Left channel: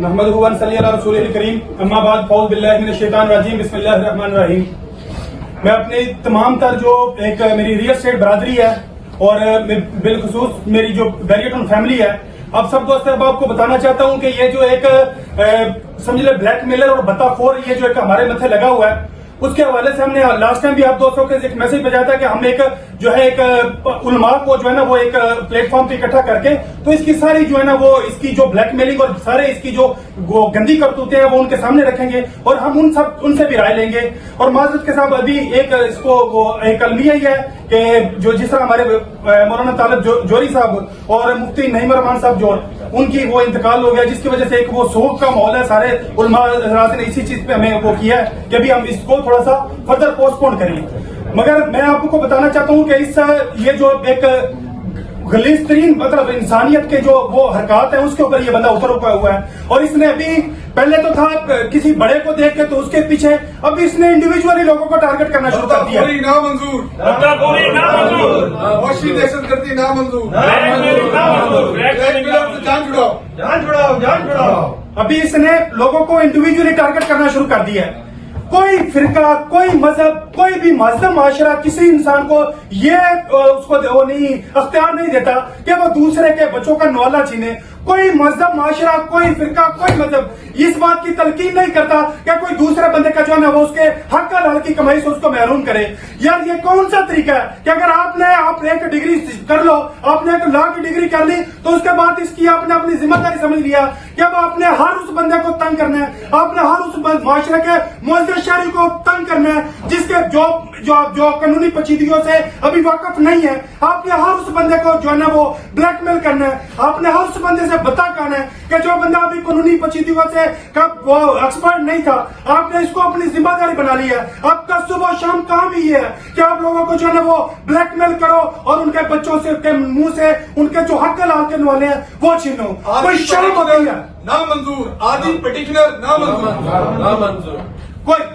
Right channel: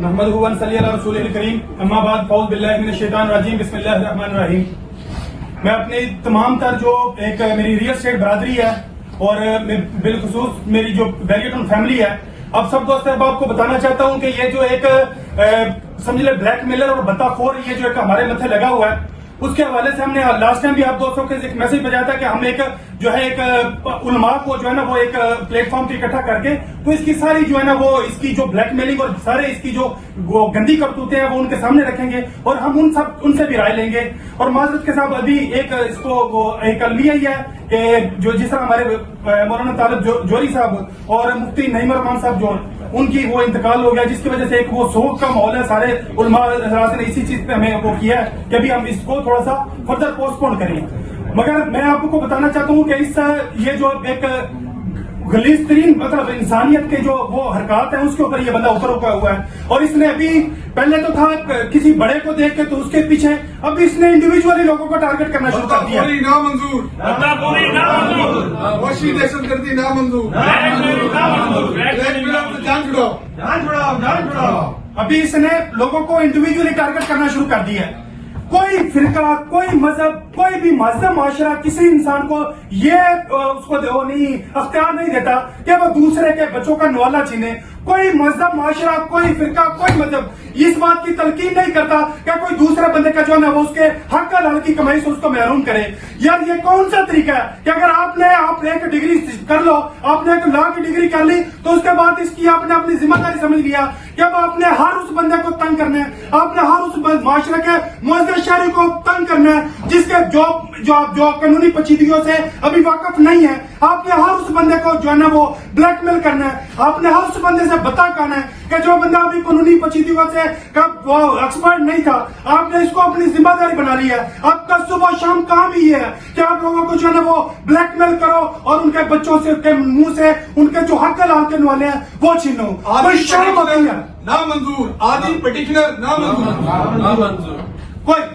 نحمدہ ونصلی علی رسولہ الکریم اما بعد فاعوذ باللہ من الشیطان الرجیم بسم اللہ الرحمن الرحیم۔ میں اپنی تمام تر جو ایک میری ریئل اسٹیٹ برادری ہے اور بالخصوص میری جو بحریہ ٹاؤن فیملی ہے، اب سب دوست احباب کو بتانا چاہتا ہوں کہ یہ جو ایک سمجھ لیں بلیک میلر اور بتا خور یہ جو ایک ہمارے متھے لگا ہوا ہے، اس کے حوالے سے ہم نے لاسٹ ٹائم بھی آپ دوستوں کے ایک میسج بھیجا تھا کہ ہم ایک جو ہے ایک علماء کو جو ہے نا وہ ایک پلیٹ فارم پہ اکٹھا کر کے تو اس کی ساری جو ہے نا وہ اس کی جو بلیک میلنگ اور سارے اس کی جو گندی کرتوتے ہیں وہ ان کے سامنے رکھیں گے اور ہم ان سے بھی رائے لیں گے۔ اور معذرت کے ساتھ ابھی ایک اس کو وہ ایک المیہ ہی ہے کہ جو جس طرح ہمارے مولانا طالب جوہری صاحب اور مفتی نعیم الرحمان صاحب جو ان کی وہ انتقال ہو گیا، جس کی وجہ سے ایک وہ سوگ کا ماحول ہے، سارے علماء حضرات نے اسی چیز پہ ہمیں وہ کیا ہے کہ ابھی ہم اس کو تھوڑا سا فردر پوسٹ پون کریں۔ مگر میں آپ کو بتانا چاہتا ہوں کہ اس یہ جو ایک غلیظ ترین مطلب انسانیت کے جو وہ حرکات ہیں اس کے اوپر یہ بندہ اتر ہوا ہے، اور اس نے ابھی پہلے تو تھا کسی بڑے کو دیکھ کے تو اس کے پیچھے، ابھی اس نے انڈیویجولی لوگوں کو ٹارگٹ کرنا شروع کر دیا۔ ابھی اس نے لوگوں کو انڈیویجولی ٹارگٹ کرنا شروع کر دیا ہے۔ کوئی فرقہ، کوئی مذہب، کوئی بھی مہذب معاشرہ کسی انسان کو یہ اس کو وہ نہیں اختیار نہیں دیتا کہ وہ دوسرے کے بچوں کا نوالا چھینے۔ کوئی مذہب معاشرہ، کوئی فرقہ، کوئی مذہب اس بات کی تلقین نہیں کرتا کہ کوئی دوسرے بندے کا جو ہے نا وہ اس کے حق حلال کی کمائی سے اس کو محروم کرے۔ یار یہ کون سا طریقہ ہے کہ اگر آپ ایک ڈگری کر لو، آپ نے ایک لا کی ڈگری کر لی تو اس کے بعد اس کی آپ نے اپنی ذمہ داری سمجھ لیا کہ اب آپ نے ہر اس بندے کو تنگ کرنا ہے، آپ نے ہر اس معاشرے کے معزز شہری کو تنگ کرنا ہے جس کے جو قانونی پیچیدگیوں سے ابھی واقف نہیں ہے۔ آپ نے ہر اس بندے کو جو ہے نا وہ بلیک میل کرنا ہے، آپ نے ہر اس بندے سے بتا کہنا ہے کہ جو بندہ ابھی قانونی پیچیدگیوں سے وہ ایکسپرٹ نہیں تھا، آپ نے اس کو اپنی ذمہ داری بنا لی ہے۔ آپ کا صبح شام کام ہی یہ ہے کہ آپ لوگوں کو جو ہے نا وہ بلیک میل کرو اور ان کے بچوں سے کے منہ سے ان کے جو حق حلال کے نوالے ہیں وہ چھینو۔ شرم ہو گئی ہے، نامنظور عادل پٹیشنر نامنظور۔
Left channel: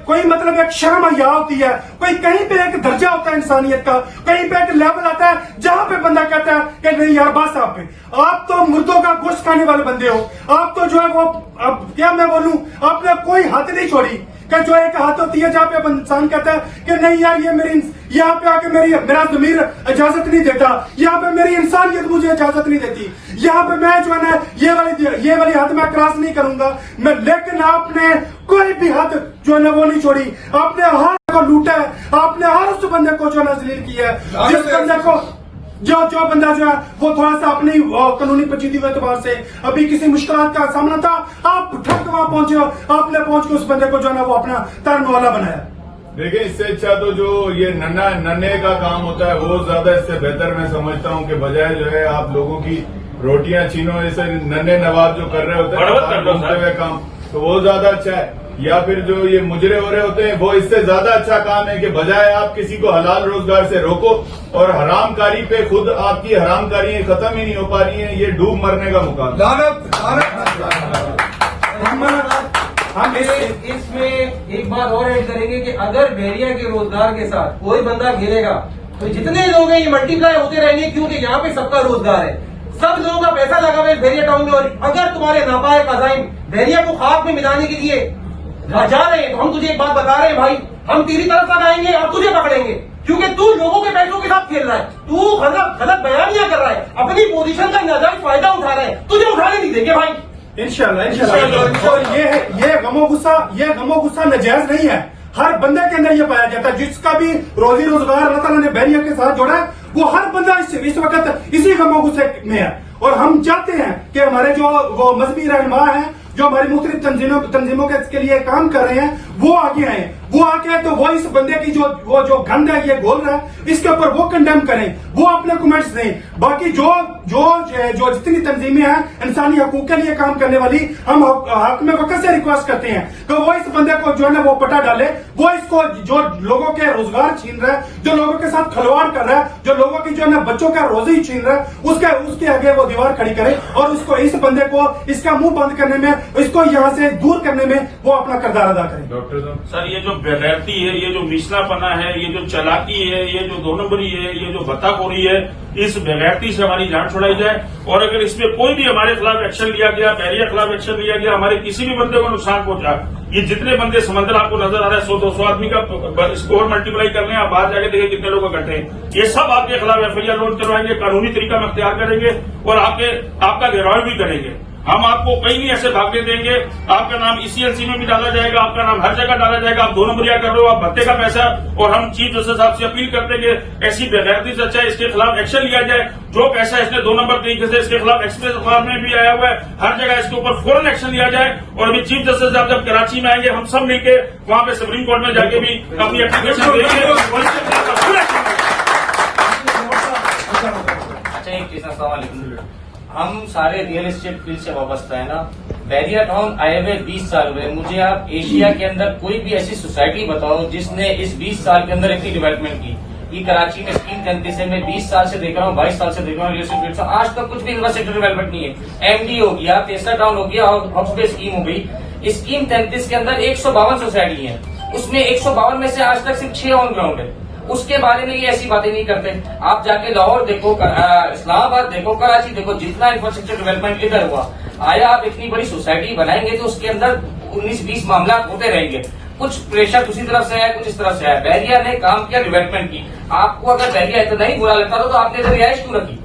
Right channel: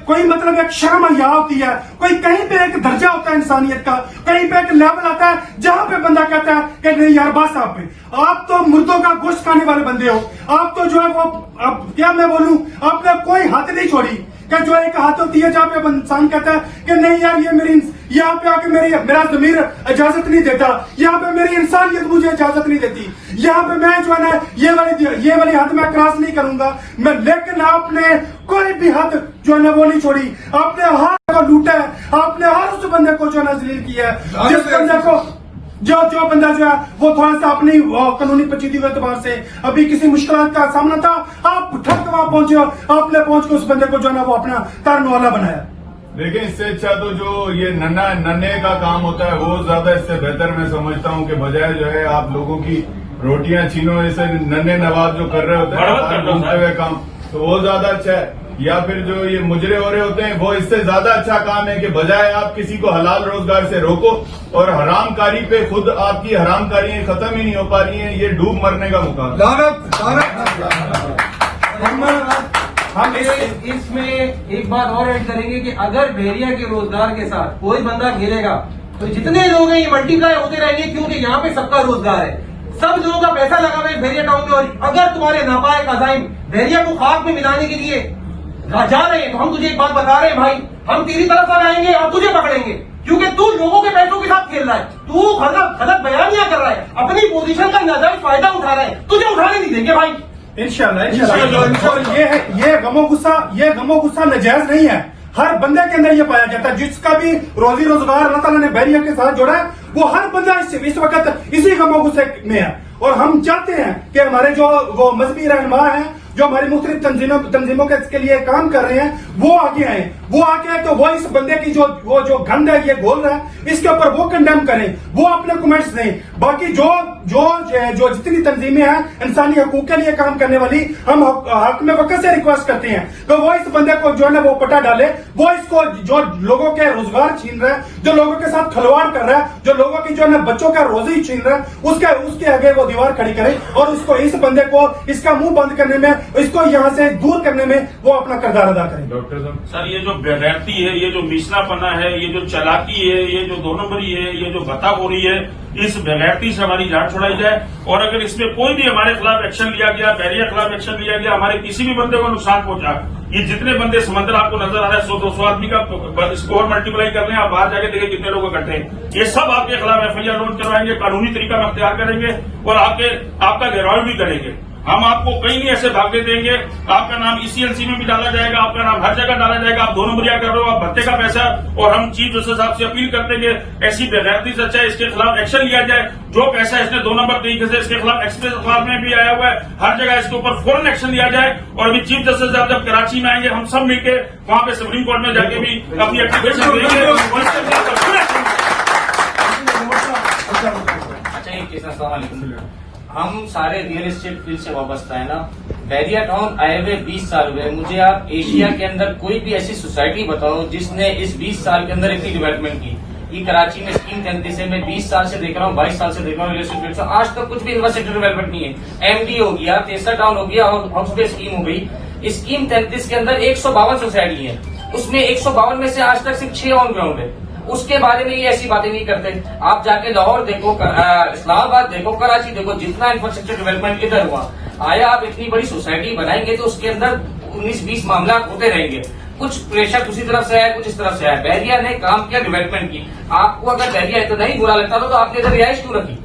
کوئی مطلب ایک شرم حیا ہوتی ہے، کوئی کہیں پہ ایک درجہ ہوتا ہے انسانیت کا، کہیں پہ ایک لیول آتا ہے جہاں پہ بندہ کہتا ہے کہ نہیں یار بس آپ تو مردوں کا گوشت کھانے والے بندے ہو، آپ تو جو ہے وہ اب کیا میں بولوں، آپ نے کوئی حد نہیں چھوڑی کہ جو ایک حد ہوتی ہے جہاں پہ انسان کہتا ہے کہ نہیں یار یہ میری یہاں پہ آ کے میرا ضمیر اجازت نہیں دیتا، یہاں پہ میری انسانیت مجھے اجازت نہیں دیتی، یہاں پہ میں جو ہے نا یہ والی حد میں کراس نہیں کروں گا میں۔ لیکن آپ نے کوئی بھی حد جو ہے نا وہ نہیں چھوڑی، آپ نے ہر کو لوٹا ہے، آپ نے ہر اس بندے کو جو ہے نا ذلیل کیا ہے، جس بندے کو جو بندہ جو ہے وہ تھوڑا سا اپنی قانونی پیچیدگی کے اعتبار سے ابھی کسی مشکلات کا سامنا تھا، آپ ٹھک وہاں پہنچے ہو، آپ نے پہنچ کے اس بندے کو جو ہے نا وہ اپنا ترن والا بنایا۔ دیکھیں اس سے اچھا تو جو یہ ننے کا کام ہوتا ہے وہ زیادہ اس سے بہتر میں سمجھتا ہوں کہ بجائے جو ہے آپ لوگوں کی روٹیاں چھینو، اسے ننے نواب جو کر رہے ہوتے ہیں گھومتے ہوئے کام، تو وہ زیادہ اچھا ہے۔ یا پھر جو یہ مجرے ہو رہے ہوتے ہیں وہ اس سے زیادہ اچھا کام ہے کہ بجائے آپ کسی کو حلال روزگار سے روکو اور حرام کاری پہ خود آپ کی حرام کاریاں ختم ہی نہیں ہو پا رہی ہیں، یہ ڈوب مرنے کا مقابلہ۔ ہم اس میں ایک بات اور ایڈ کریں گے کہ اگر بحریہ کے روزگار کے ساتھ کوئی بندہ گرے گا تو جتنے لوگ ہیں یہ ملٹی پلائی ہوتے رہیں گے، کیونکہ یہاں پہ سب کا روزگار ہے، سب لوگوں کا پیسہ لگا ہوا ہے بحریہ ٹاؤن میں، اور اگر تمہارے ناپائق عزائم بحریہ کو خاک میں ملانے کے لیے جا رہے ہیں تو ہم تجھے ایک بات بتا رہے ہیں بھائی، ہم تیری طرف پر آئیں گے اور تجھے پکڑیں گے، کیونکہ تو لوگوں کے پیسوں کے ساتھ کھیل رہا ہے، تو غلط بیانیاں کر رہا ہے، اپنی پوزیشن کا ناجائز فائدہ اٹھا رہا ہے، تجھے اٹھانے نہیں دیں گے بھائی انشاءاللہ۔ یہ غم و غصہ ناجائز نہیں ہے، ہر بندے کے اندر یہ پایا جاتا ہے، جس کا بھی روزی روزگار اللہ تعالیٰ نے بحریہ کے ساتھ جوڑا ہے وہ ہر بندہ اس وقت اسی غم و غصے میں ہے۔ اور ہم چاہتے ہیں کہ ہمارے جو وہ مذہبی رہنما ہیں جو ہماری مختلف تنظیموں کے لیے کام کر رہے ہیں وہ آگے آئیں، وہ آ کے تو وہ اس بندے کی جو گند ہے یہ گول رہا ہے اس کے اوپر وہ کنڈیم کریں، وہ اپنے کمنٹس دیں۔ باقی جو جتنی تنظیمیں ہیں انسانی حقوق کے لیے کام کرنے والی، ہم حق میں وقت سے ریکویسٹ کرتے ہیں کہ وہ اس بندے کو جو ہے نا وہ پٹا ڈالے، وہ اس کو جو لوگوں کے روزگار چھین رہا ہے، جو لوگوں کے ساتھ کھلواڑ کر رہا ہے، جو لوگوں کی جو ہے نا بچوں کا روزی چھین رہا ہے، اس کے آگے وہ دیوار کھڑی کرے اور اس بندے کو اس کا منہ بند کرنے میں इसको यहाँ से दूर करने में वो अपना किरदार अदा करें। डॉक्टर साहब सर, ये जो बेगैरती है, ये जो मिशनापना है, ये जो चालाकी है, ये जो दो नंबरी है, ये जो बताखोरी है, इस बेगैरती से हमारी जान छुड़ाई जाए। और अगर इसमें कोई भी हमारे खिलाफ एक्शन लिया गया, बहरिया खिलाफ एक्शन लिया गया, हमारे किसी भी बंदे को नुकसान पहुंचा, ये जितने बंदे समंदर आपको नजर आ रहा है 100-200 आदमी का स्कोर मल्टीप्लाई कर रहे हैं, आप बाहर जाके देखिए कितने लोग इकट्ठे हैं, ये सब आपके खिलाफ एफआईआर लॉन्च करवाएंगे, कानूनी तरीका में अख्तियार करेंगे और आपका घेराव भी करेंगे। हम आपको कहीं नहीं ऐसे भागने देंगे। आपका नाम ECLC में भी डाला जाएगा, आपका नाम हर जगह डाला जाएगा। आप 2 नंबरिया कर रहे हो, आप भत्ते का पैसा। और हम चीफ जस्टिस साहब से अपील करते हैं कि ऐसी बेगैरती से अच्छा है इसके खिलाफ एक्शन लिया जाए। जो पैसा इसने 2 नंबर तरीके से इसके खिलाफ एक्सप्रेस अखबार में भी आया हुआ है, हर जगह इसके ऊपर फौरन एक्शन लिया जाए। और अभी चीफ जस्टिस साहब जब कराची में आएंगे, हम सब मिलकर वहां पे सुप्रीम कोर्ट में जाके भी अपनी एप्लीकेशन देंगे। अच्छा, एक चीज ना, हम सारे रियल एस्टेट फील्ड से वाबस्ता है ना। बहरिया टाउन आए हुए 20 साल हुए। मुझे आप एशिया के अंदर कोई भी ऐसी सोसाइटी बताओ जिसने इस 20 साल के अंदर इतनी डेवलपमेंट की। ये कराची में स्कीम 33 है, मैं 20 साल से देख रहा हूँ, 22 साल से देख रहा हूँ रियल एस्टेट फील्ड से, आज तक कुछ भी इंफ्रास्ट्रक्चर डेवलपमेंट नहीं है। MD हो गया, तेसर टाउन हो गया, हाउस पे स्कीम हो गई। स्कीम 33 के अंदर 152 सोसाइटी है, उसमें 152 में से आज तक सिर्फ 6 ऑन ग्राउंड है। उसके बारे में ये ऐसी बातें नहीं करते। आप जाके लाहौर देखो, इस्लामाबाद देखो, कराची देखो, जितना इंफ्रास्ट्रक्चर डेवलपमेंट इधर हुआ। आया आप इतनी बड़ी सोसाइटी बनाएंगे तो उसके अंदर 19-20 मामला होते रहेंगे। कुछ प्रेशर दूसरी तरफ से है, कुछ इस तरफ से है। बहरिया ने काम किया, डेवलपमेंट की। आपको अगर बहरिया इतना ही बुरा लगता था तो आपने इधर रिहाइश क्यों रखी?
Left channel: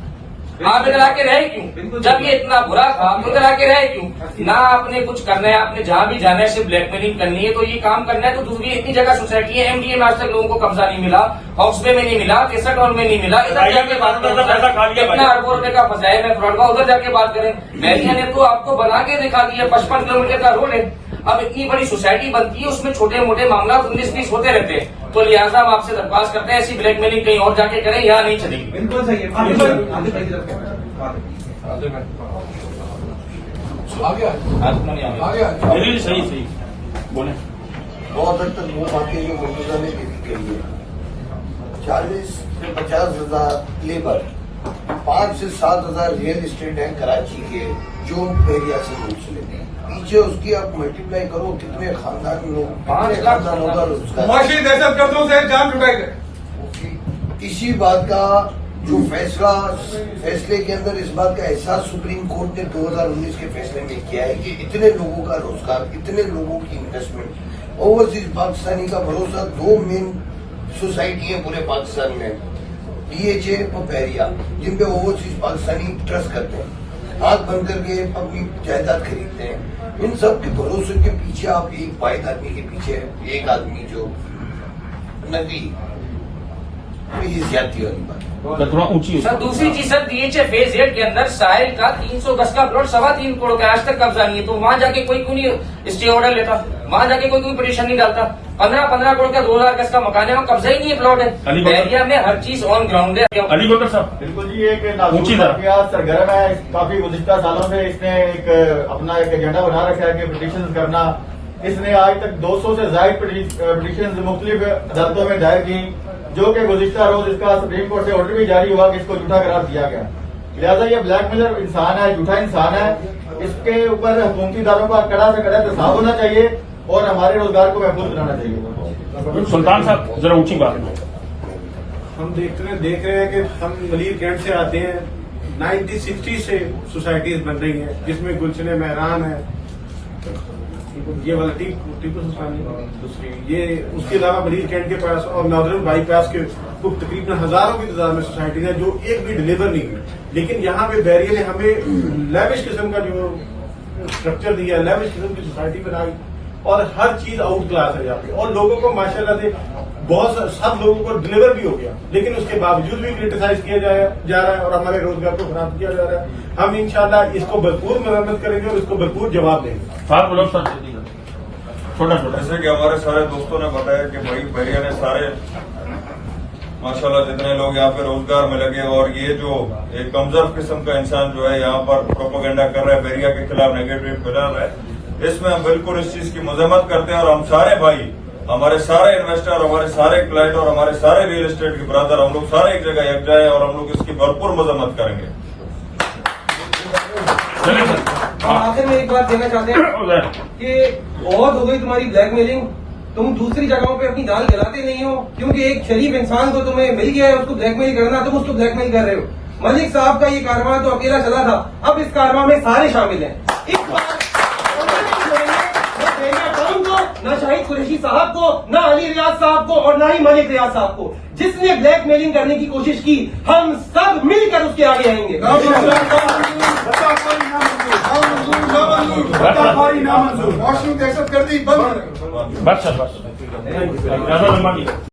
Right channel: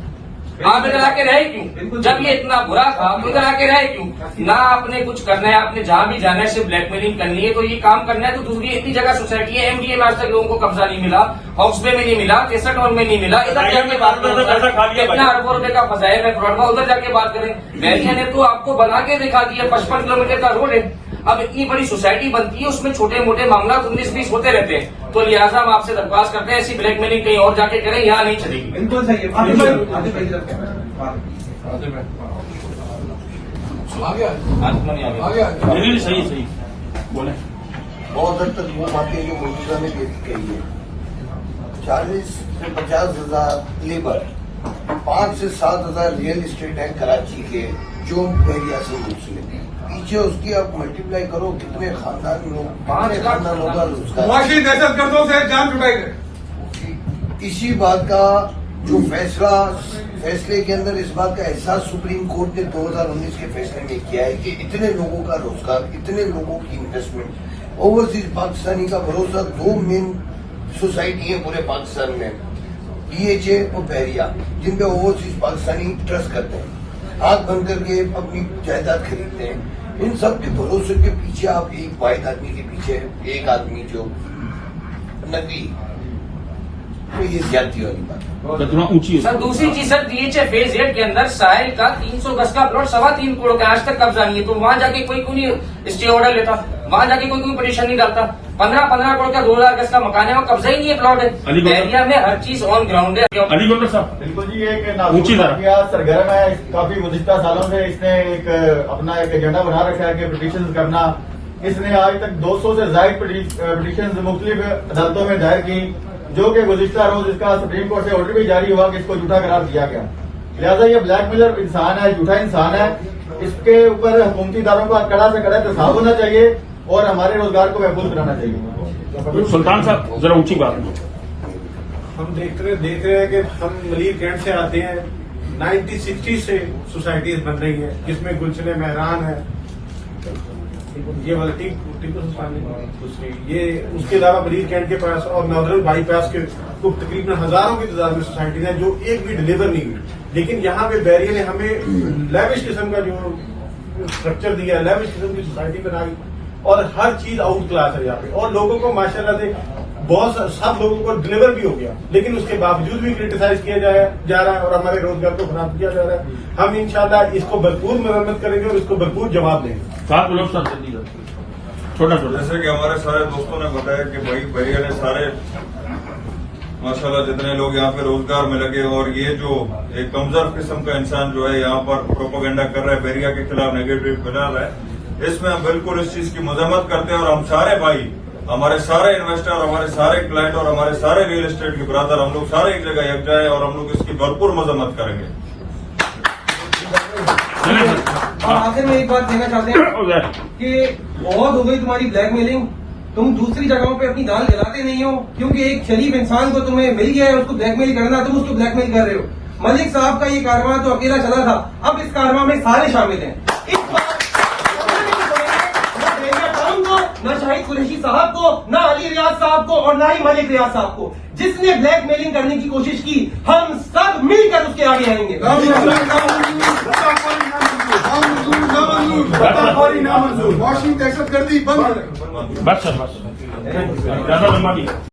आप इधर आके रहे क्यों? जब ये इतना बुरा था तो इधर आके रहे क्यों? ना आपने कुछ करना है, आपने जहां भी जाना है सिर्फ ब्लैकमेलिंग करनी है, तो ये काम करना है तो दूसरी इतनी जगह सोसाइटी है। MDA में आज तक लोगों को कब्जा नहीं मिला, हाउस में नहीं मिला, तेसर टाउन में नहीं मिला। इधर जाके बात करो, कितना अरबों रुपए का फंसाया है फ्रॉड का, उधर जाके बात करें। बहरिया ने तो आपको बना के दिखा दिया, 55 किलोमीटर का रोड है। अब इतनी बड़ी सोसाइटी बनती है, उसमें छोटे मोटे मामला 19-20 होते रहते हैं। तो लिहाजा हम आपसे दरख्वास्त करते हैं, ऐसी ब्लैकमेलिंग कहीं और जाके करें, यहाँ नहीं चलेगी। बिल्कुल सही सही सही बोले। बहुत हद तक वो बातें जो मौजूदा ने कही है। 40 से 50 हजार लेबर, 5 से 7 हजार रियल एस्टेट है कराची के जो बहरिया से मुंसलिक है। पीछे उसकी आप मल्टीप्लाई करो कितने खानदान लोग, कितने खानदान होगा मुआशी दहशत गर्दों से जान छुड़ाएगा। इसी बात का जो फैसले के अंदर इस बात का एहसास सुप्रीम कोर्ट ने 2019 के फैसले में किया है कि इतने लोगों का रोजगार, इतने लोगों की इन्वेस्टमेंट, ओवरसीज पाकिस्तानी का भरोसा 2 मेन सोसाइटी है पूरे पाकिस्तान में, DHA और बहरिया, जिन पे ओवरसीज पाकिस्तानी ट्रस्ट करते हैं, हाथ बंद करके अपनी जायदाद खरीदते हैं। इन सब के भरोसे के पीछे आप एक वाहिद आदमी के पीछे एक आदमी जो नदी, तो ये ज्यादती वाली बात है। ऊंची सर दूसरी चीज सर, DHA फेज 8 के अंदर साहिल का 300 गज का प्लॉट 3.25 करोड़ का आज तक कब्जा नहीं है। तो वहां जाके कोई क्यों नहीं स्टे ऑर्डर लेता? वहां जाके कोई पिटीशन नहीं डालता? 15 करोड़ का 2000 गज का मकान है, वहाँ कब्जा ही नहीं है प्लॉट है। बहरिया में हर चीज ऑन ग्राउंड है। अली बकर साहब, बिल्कुल जी, एक सरगर्म है, काफी गुज़िश्ता सालों से इसने एक अपना एक एजेंडा बना रखा है कि पिटीशन करना। इसने आज तक 200 से ज्यादा पिटीशन मुख्तलिफ अदालतों में दायर की, जो कि गुज़िश्ता रोज इसका सुप्रीम कोर्ट से ऑर्डर भी जारी हुआ कि इसको झूठा करार दिया गया। लिहाजा ये ब्लैकमेलर इंसान है, झूठा इंसान है। इसके ऊपर हुकूमती इदारों का कड़ा से कड़ा प्रस्ताव होना चाहिए और हमारे रोजगार को महफूज बनाना चाहिए। सुल्तान साहब जरा ऊंची बात। हम देख रहे हैं कि हम मलिर कैंट से आते हैं। 1960 से सोसाइटीज बन रही हैं, जिसमें गुलशन महरान है, ये वाला टीपू सुल्तान है दूसरी, ये उसके अलावा मलिर कैंट के पास और नादरुल बाईपास के तकरीबन हजारों की तादाद में सोसाइटी है जो एक भी डिलीवर नहीं है। लेकिन यहाँ पे बहरिया ने हमें लेविश किस्म का जो स्ट्रक्चर दिया, लेविश किस्म की सोसाइटी बनाई और हर चीज आउट क्लास है यहाँ पे। और लोगों को माशाल्लाह से बहुत सब लोगों को डिलीवर भी हो गया, लेकिन उसके बावजूद भी क्रिटिसाइज किया जा रहा है और हमारे रोजगार को खराब किया जा रहा है। हम इंशाल्लाह इसको भरपूर मरम्मत करेंगे और इसको भरपूर जवाब देंगे। छोटा जैसे कि हमारे सारे दोस्तों ने बताया कि भाई बहरिया ने सारे माशाल्लाह जितने लोग यहाँ पे रोजगार में लगे, और ये जो एक कमजोर किस्म का इंसान जो है यहाँ पर प्रोपोगेंडा कर रहा है, बहरिया के खिलाफ नेगेटिव फैला रहा है, इसमें हम बिल्कुल इस चीज की मजम्मत करते हैं। और हम सारे भाई, हमारे सारे इन्वेस्टर, हमारे सारे क्लाइंट और हमारे सारे रियल एस्टेट के ब्रदर, हम लोग सारे एक जगह यकजा है और हम लोग इसकी भरपूर मजम्मत करेंगे। आखिर में एक बात कहना चाहते हैं कि बहुत हो गई तुम्हारी ब्लैकमेलिंग, तुम दूसरी जगहों पे अपनी दाल जलाते नहीं हो, क्योंकि एक शरीफ इंसान को तुम्हें मिल गया है, उसको ब्लैकमेल करना, तुम उसको ब्लैकमेल कर रहे हो। मलिक साहब का ये कारवां तो अकेला चला था, अब इस कारवां में सारे शामिल हैं। इस बार न शाहिद कुरैशी साहब को, न अली रियाज साहब को और न ही मलिक रियाज साहब को, जिसने ब्लैकमेलिंग करने की कोशिश की, हम सब मिलकर उसके आगे आएंगे। वॉशिंग दहशत गर्दी बंद। बस